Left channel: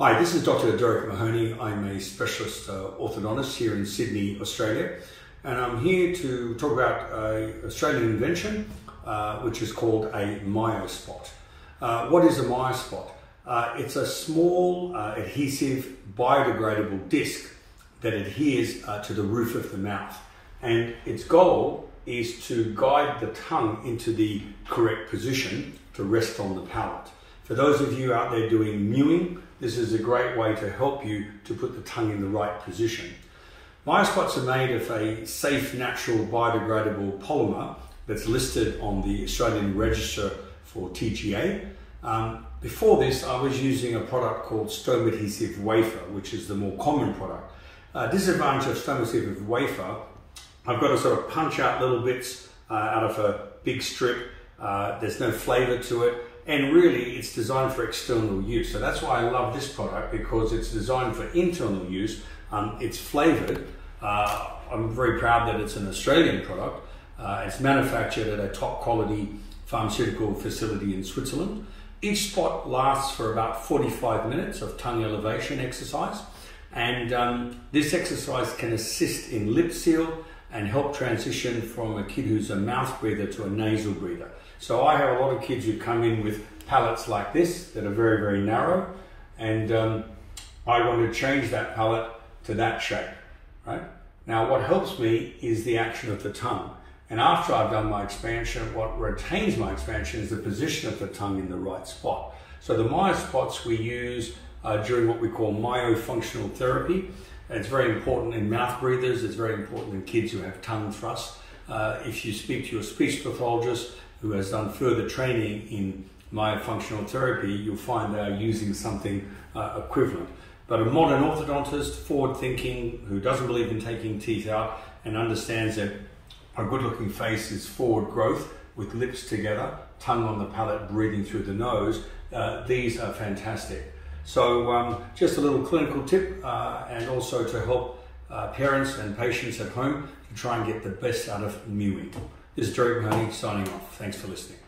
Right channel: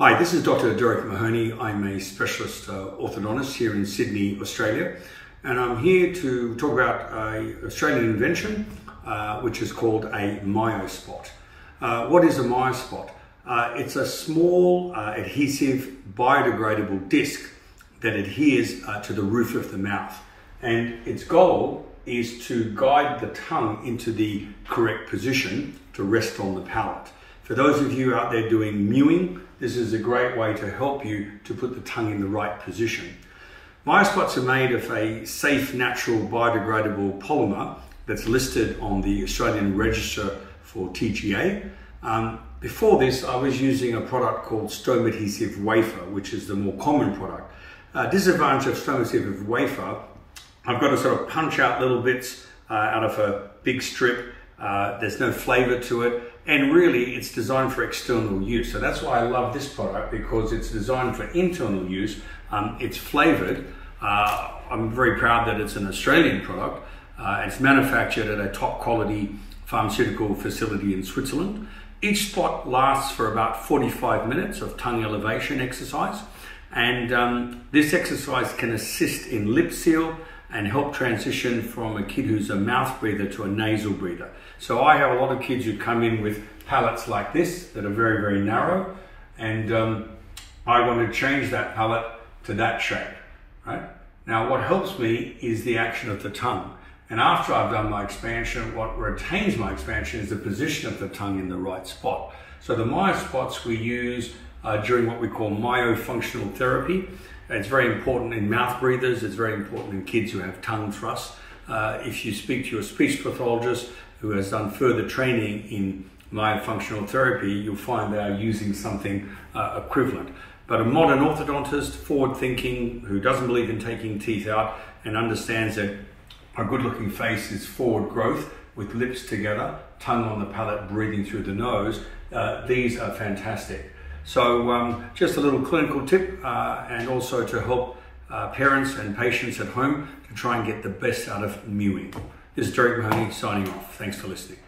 Hi, this is Dr. Derek Mahony. I'm a specialist orthodontist here in Sydney, Australia, and I'm here to talk about an Australian invention which is called a Myospot. What is a Myospot? It's a small adhesive biodegradable disc that adheres to the roof of the mouth, and its goal is to guide the tongue into the correct position to rest on the palate. For those of you out there doing mewing, this is a great way to help you to put the tongue in the right position. Myospots are made of a safe, natural, biodegradable polymer that's listed on the Australian Register for TGA. Before this, I was using a product called stone adhesive wafer, which is the more common product. Disadvantage of stone adhesive wafer, I've got to sort of punch out little bits out of a big strip. There's no flavor to it. And really, it's designed for external use. So that's why I love this product, because it's designed for internal use. It's flavored. I'm very proud that it's an Australian product. It's manufactured at a top quality pharmaceutical facility in Switzerland. Each spot lasts for about 45 minutes of tongue elevation exercise. And this exercise can assist in lip seal and help transition from a kid who's a mouth breather to a nasal breather. So I have a lot of kids who come in with palates like this that are very, very narrow, and I want to change that palate to that shape, right? Now what helps me is the action of the tongue. And after I've done my expansion, what retains my expansion is the position of the tongue in the right spot. So the Myospots we use during what we call myofunctional therapy. It's very important in mouth breathers. It's very important in kids who have tongue thrust. If you speak to your speech pathologist who has done further training in myofunctional therapy, you'll find they are using something equivalent. But a modern orthodontist, forward-thinking, who doesn't believe in taking teeth out and understands that a good-looking face is forward growth with lips together, tongue on the palate, breathing through the nose, these are fantastic. So just a little clinical tip, and also to help parents and patients at home to try and get the best out of mewing. This is Derek Mahony signing off. Thanks for listening.